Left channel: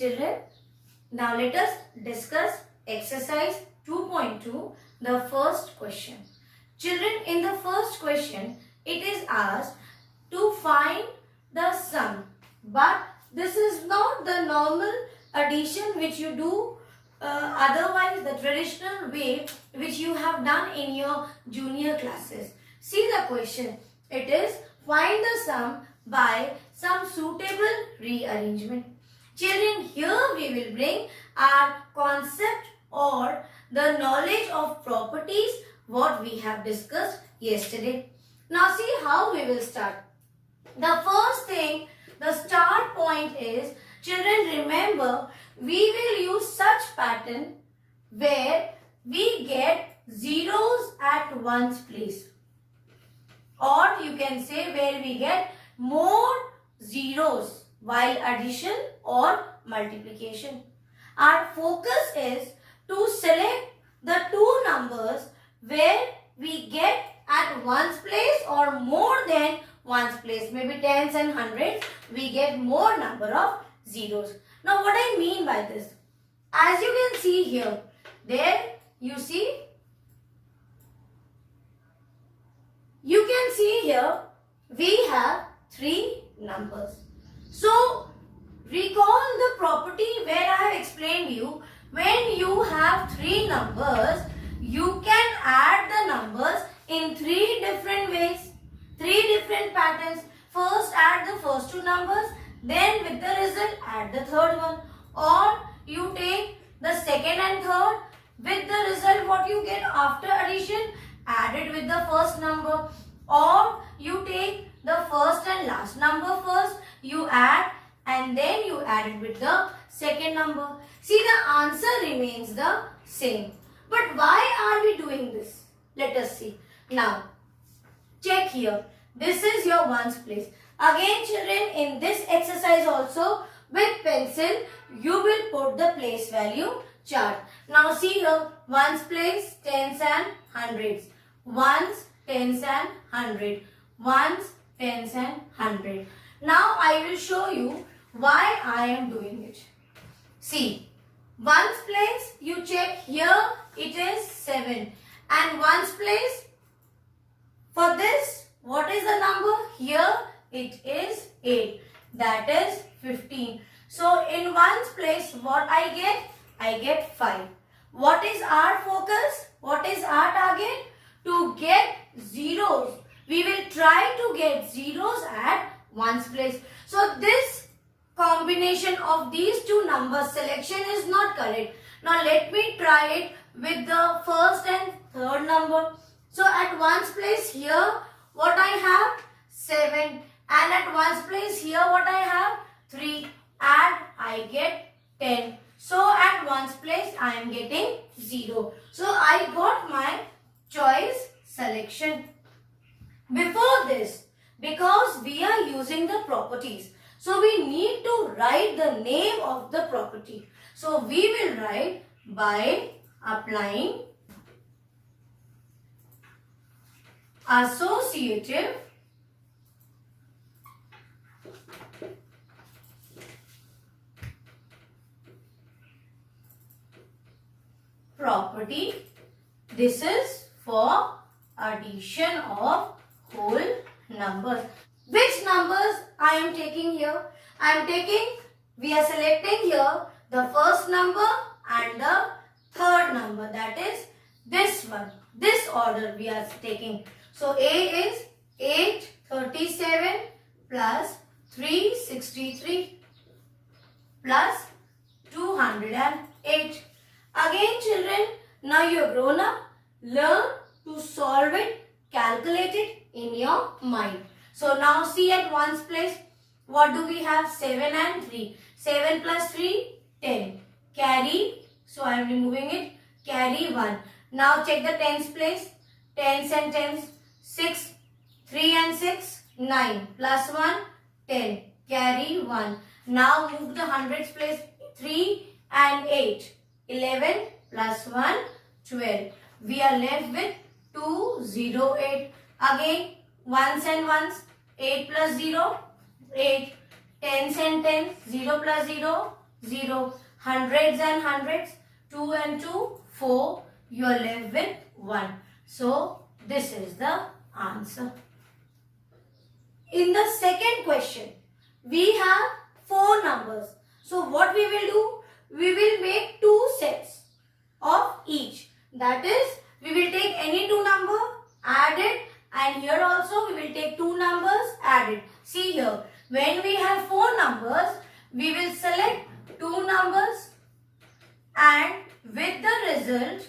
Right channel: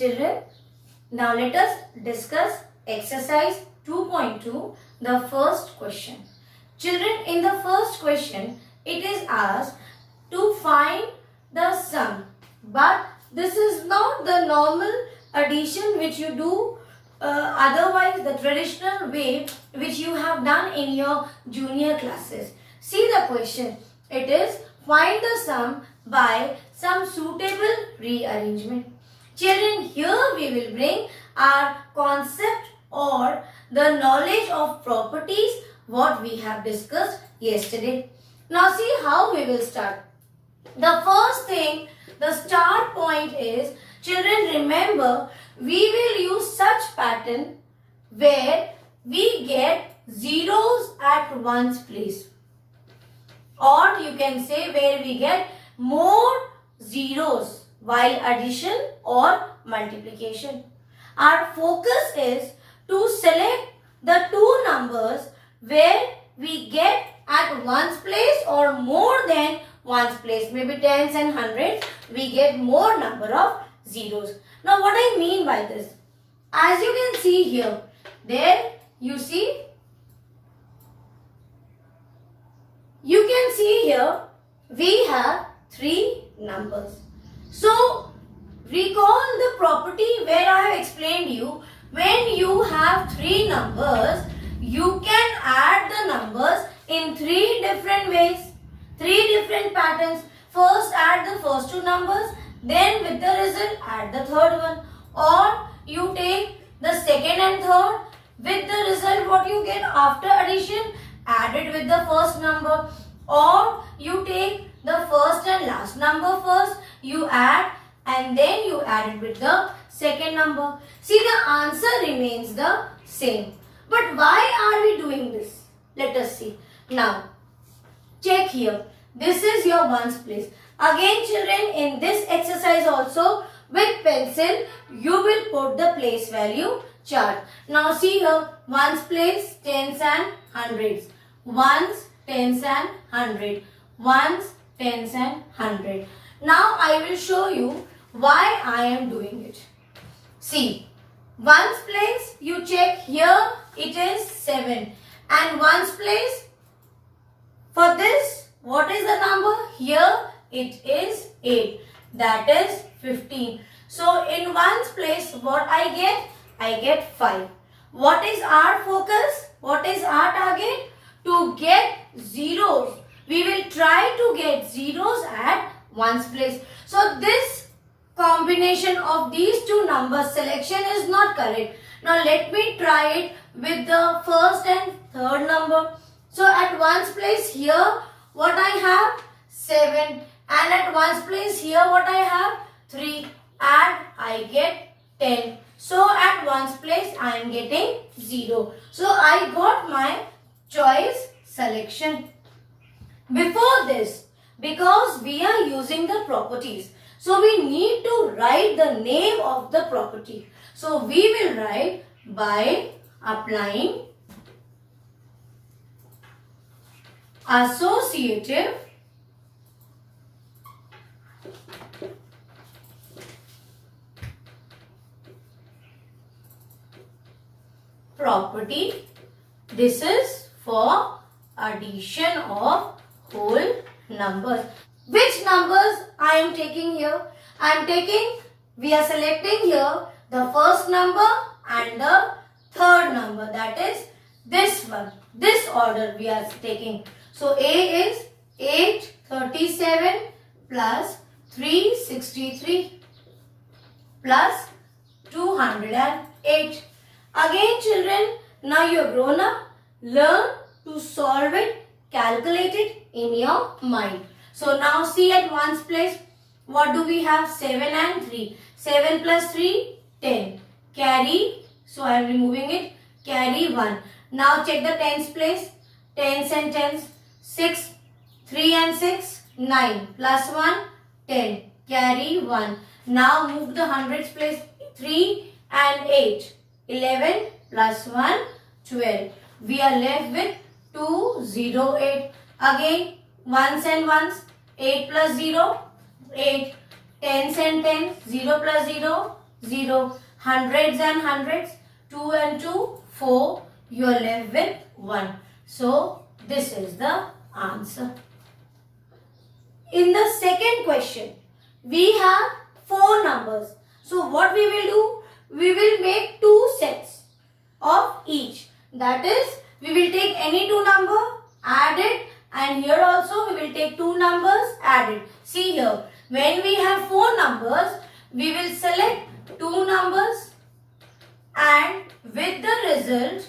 Children, now let us discuss exercise 2.2, the first question. Children, in the first question, it is asked to find the sum. But this is not the normal addition which you do otherwise the traditional way which you have done in your junior classes. See the question. It is find the sum by some suitable rearrangement. Children, here we will bring our concept or the knowledge of properties what we have discussed yesterday. Now see how we will start. The first thing, the start point is, children, remember we will use such pattern where we get zeros at one's place, or you can say where we get more zeros while addition or multiplication. Our focus is to select the two numbers where we get at one's place or more than one's place, maybe tens and hundreds, we get more number of zeros. Now what I mean by this, as you can see here, there you can see here we have three numbers. So recall the property where I have explained you, when you have three numbers, you can add the numbers in three different ways, three different patterns. First add the first two numbers, then with the result add the third one, or you take the second and third, with the result what you get after addition add it with the first number, or you take the first and last number first, you add and then you add it with the second number. See, the answer remains the same. But why are we doing this? Let us see. Now, check here. This is your ones place. Again, children, in this exercise also, with pencil, you will put the place value chart. Now, see here, ones place, tens and hundreds. Ones, tens and hundred. Ones, tens and hundred. Now, I will show you why I am doing it. See, ones place, you check here, it is 7. And ones place, for this, what is the number? Here, it is 8. That is 15. So, in ones place, what I get? I get 5. What is our focus? What is our target? To get zeros. We will try to get zeros at ones place. So, this combination of these two numbers selection is not correct. Now, let me try it with the first and third number. So, at ones place here, what I have? 7. And at ones place here, what I have? 3. Add, I get 10. So, at ones place, I am getting 0. So, I got my choice selection. Before this, because we are using the properties, so we need to write the name of the property. So, we will write by applying associative property. This is for addition of whole numbers. Which numbers I am taking here? We are selecting here the first number and the third number, that is this one. This order we are taking. So A is 837 plus 363 plus 208. Again, children, now you have grown up. Learn to solve it, calculate it in your mind. So now see at ones place, what do we have? 7 and 3. 7 plus 3, 10. Carry, so I am removing it, carry 1. Now check the tens place, tens and tens, 6, 3 and 6, 9, plus 1, 10. Carry 1. Now move the hundreds place, 3 and 8, 11 plus 1, 12. We are left with 208. Again, ones and ones, 8 plus 0, 8. Tens and tens, 0 plus 0, 0. Hundreds and hundreds, 2 and 2, 4. You are left with 1. So, this is the answer. In the second question, we have 4 numbers. So, what we will do? We will make 2 sets of each. That is, we will take any 2 number, add it, and here also we will take 2 numbers, add it. See here, when we have 4 numbers, we will select 2 numbers and with the result,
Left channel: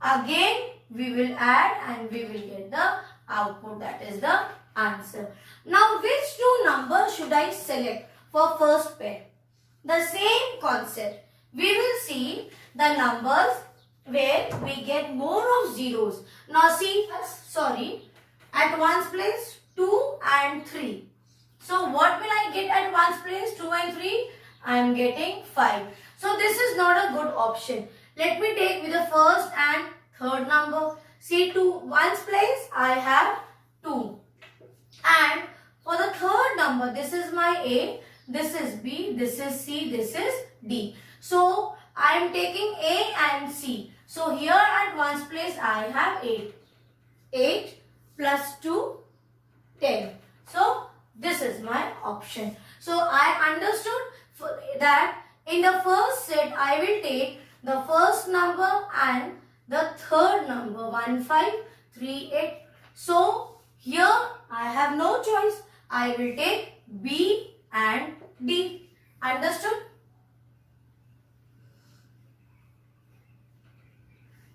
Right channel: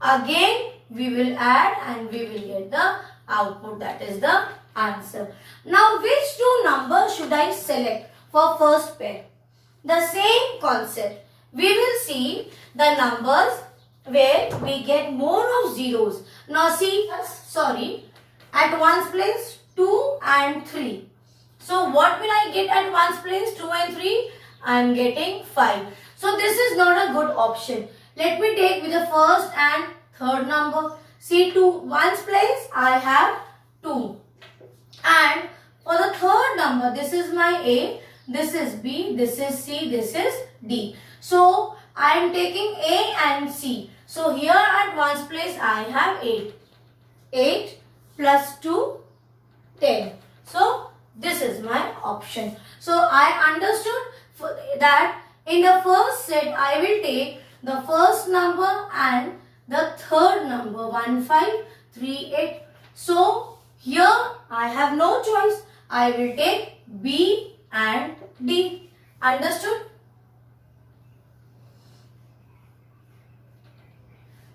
again we will add and we will get the output, that is the answer. Now, which 2 numbers should I select for first pair? The same concept. We will see the numbers where we get more of zeros. Now see, at ones place 2 and 3. So what will I get at ones place 2 and 3? I am getting 5. So this is not a good option. Let me take with the first and third number. See, to ones place I have 2. And for the third number, this is my A, this is B, this is C, this is D. So I am taking A and C. So here at ones place I have 8. 8 plus 2, 10. So this is my option. So I understood that in the first set I will take the first number and the third number 1, 5, 3, 8. So here I have no choice. I will take B and D. Understood?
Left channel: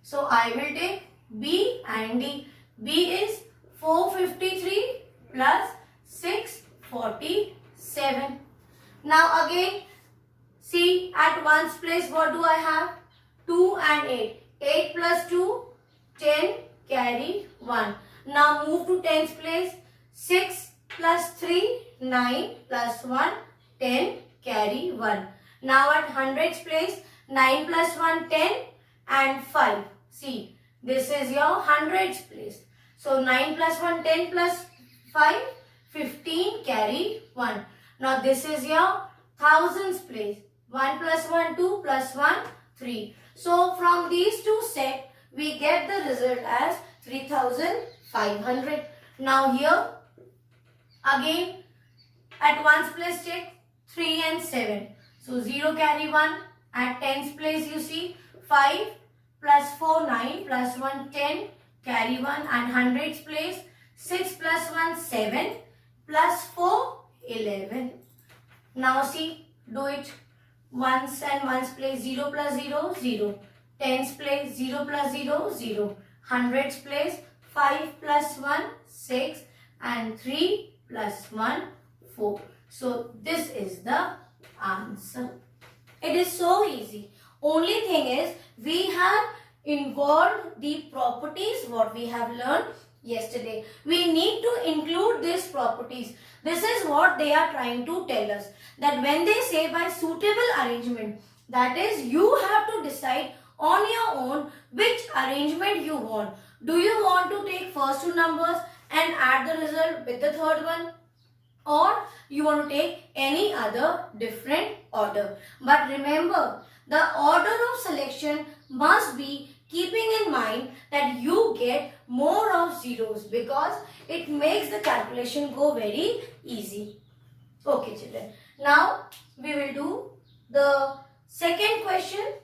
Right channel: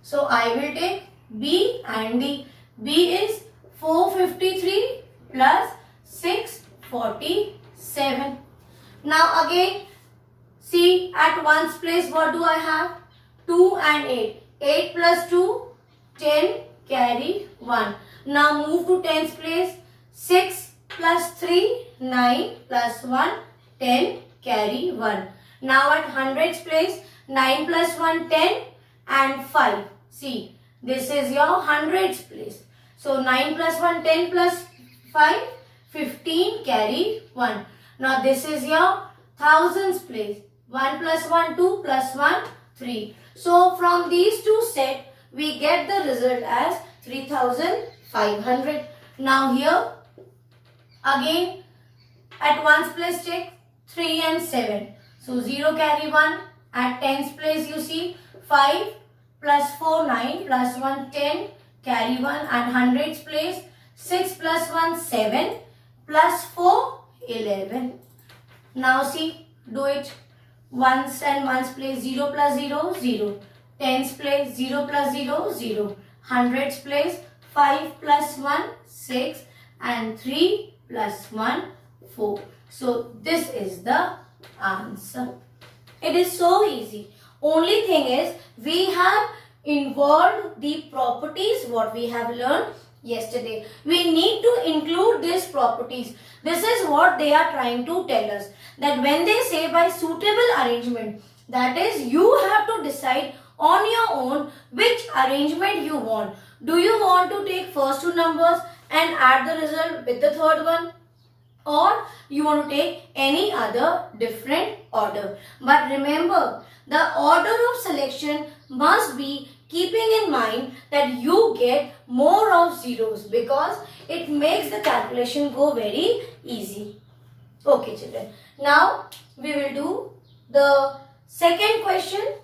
So I will take B and D. B is 453 plus 647. Now again, see at ones place what do I have? 2 and 8. 8 plus 2, 10, carry 1. Now move to tens place. 6 plus 3, 9 plus 1, 10, carry 1. Now at hundreds place, 9 plus 1, 10 and 5. See, this is your hundreds place. So 9 plus 1, 10 plus 5, 15, carry 1. Now this is your thousands place. 1 plus 1, 2 plus 1, 3. So from these two sets, we get the result as 3500. Now here, again, at ones place check 3 and 7. So 0 carry 1. At tens place you see 5 plus 4, 9 plus 1, 10 carry 1. At hundreds place 6 plus 1, 7 plus 4, 11. Now see, do it. Ones and ones place 0 plus 0, 0. Tens place 0 plus 0, 0. Hundreds place 5 plus 1, 6 and 3 plus 1, 4. So this is the answer. It is so easy. Only thing is we have involved the properties what we have learned yesterday. We need to include these properties. This is what they are trying to tell us. That when they say by suitable arrangement, that is you have to decide on your own which arrangement you want. Do you want to take first 2 numbers and add the result with the third one? Or you want to take any other different order. But remember, the order of selection must be keeping in mind that you get more of zeros because it makes the calculation go very easy. Okay children, now we will do the second question.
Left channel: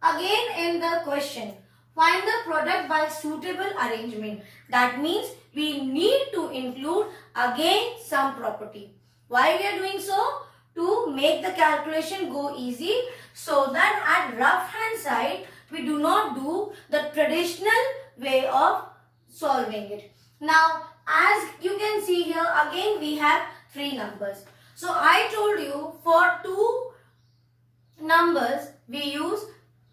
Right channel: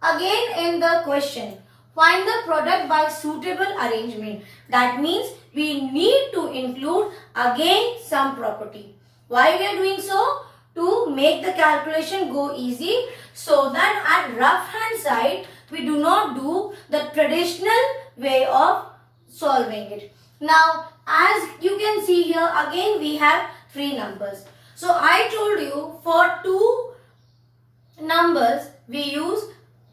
Again in the question, find the product by suitable arrangement. That means we need to include again some property. Why we are doing so? To make the calculation go easy, so that at rough hand side we do not do the traditional way of solving it. Now as you can see here, again we have 3 numbers. So I told you for 2 numbers we use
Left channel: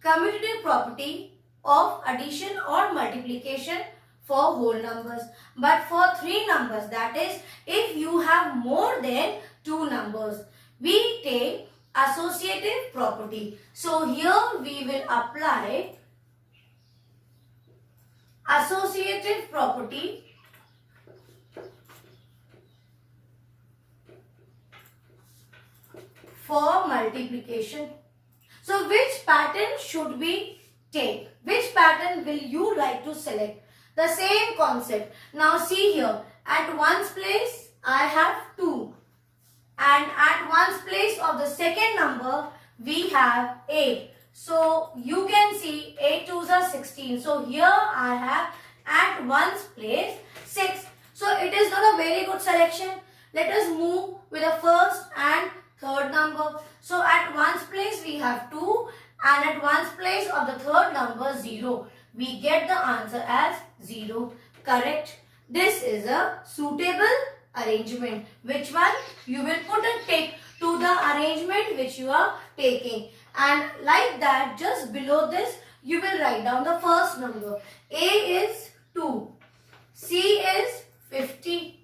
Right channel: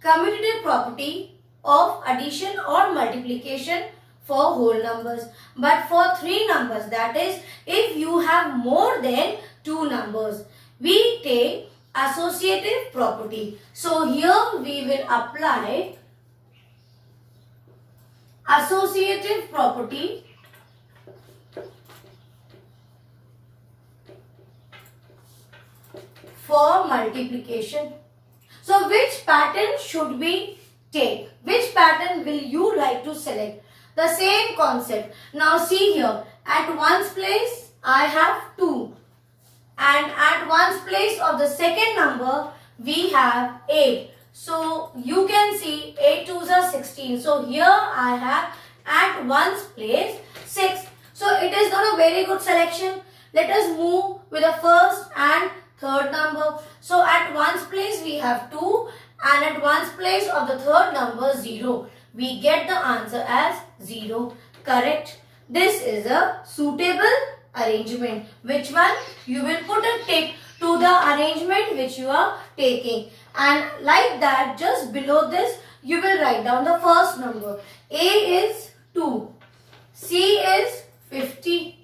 commutative property of addition or multiplication for whole numbers. But for 3 numbers, that is if you have more than 2 numbers, we take associative property. So here we will apply associative property for multiplication. So which pattern should we take? Which pattern will you like to select? The same concept. Now see here, at ones place I have 2 and at ones place of the second number we have 8. So you can see 8 2s are 16. So here I have at ones place 6. So it is not a very good selection. Let us move with the first and third number. So at ones place we have 2 and at ones place of the third number 0. We get the answer as 0. Correct. This is a suitable arrangement. Which one? You will put a tick to the arrangement which you are taking. And like that, just below this, you will write down the first number. A is 2. C is 50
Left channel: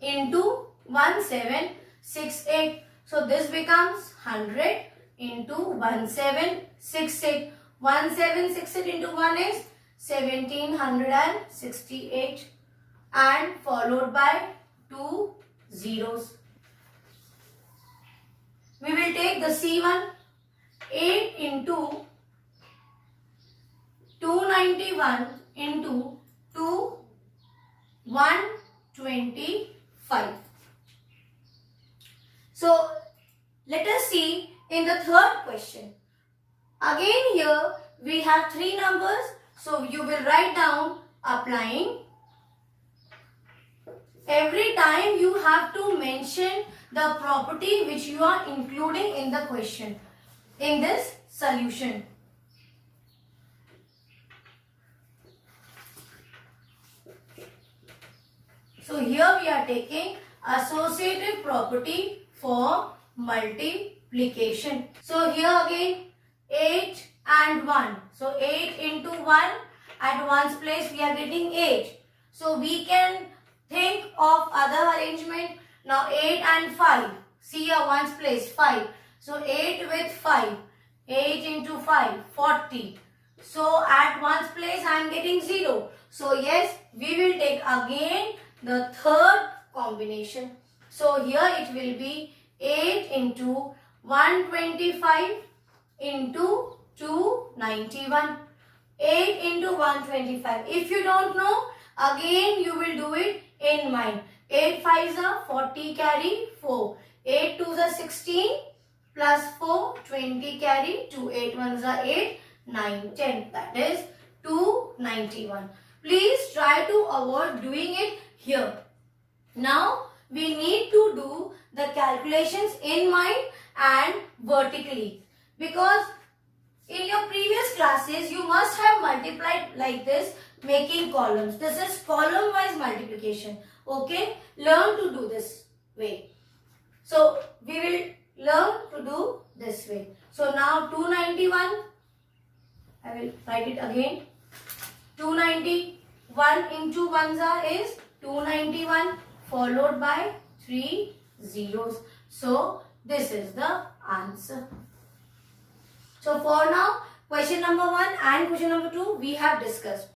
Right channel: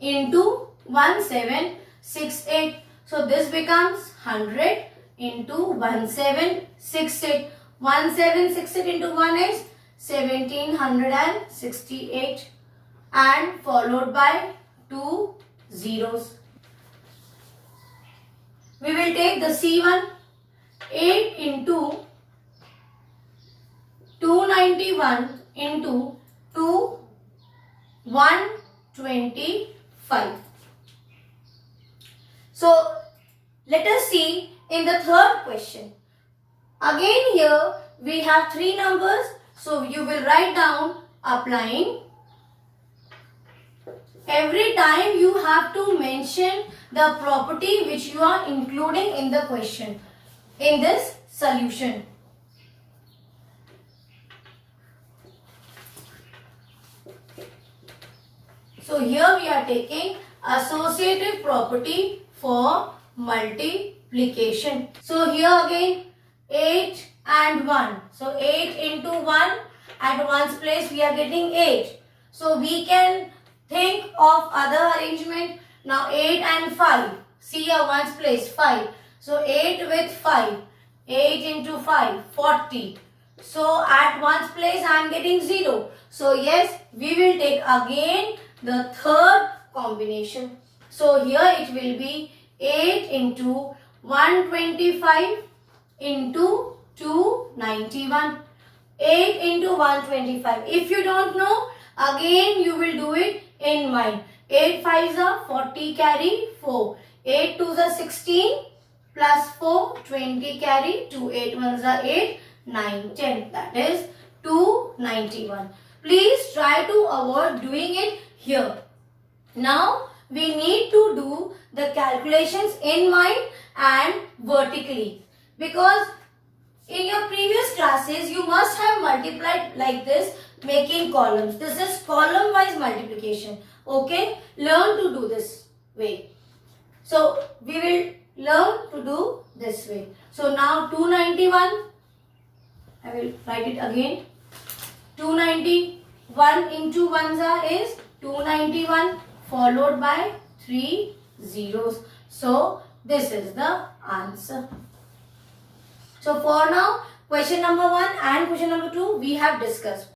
into 1768. So this becomes 100 into 1768. 1768 into 1 is 1768 and followed by 2 zeros. We will take the C1. 8 into 291 into 125. So let us see in the third question. Again here we have 3 numbers. So you will write down applying. Every time you have to mention the property which you are including in the question, in this solution. So here we are taking associative property for multiplication. So here again 8 and 1. So 8 into 1, at ones place we are getting 8. So we can think of other arrangement. Now 8 and 5. See here ones place 5. So 8 with 5. 8 into 5, 40. So at ones place I am getting 0. So yes, we will take again the third combination. So here it will be 8 into 125 into 291. 8 into 125. If you don't know, again you will do it in mind. 8 5s are 40 carry 4. 8 2s are 16 plus 4 20 carry 2. 8 1s are 8 9 10. That is 291. Please try to avoid doing it here. Now we need to do the calculations in mind and vertically, because in your previous classes you must have multiplied like this, making columns. This is column wise multiplication. Okay, learn to do this way. So we will learn to do this way. So now 291, I will write it again. 291 into 1s is 291 followed by 3 zeros. So this is the answer. So for now, question number 1 and question number 2 we have discussed.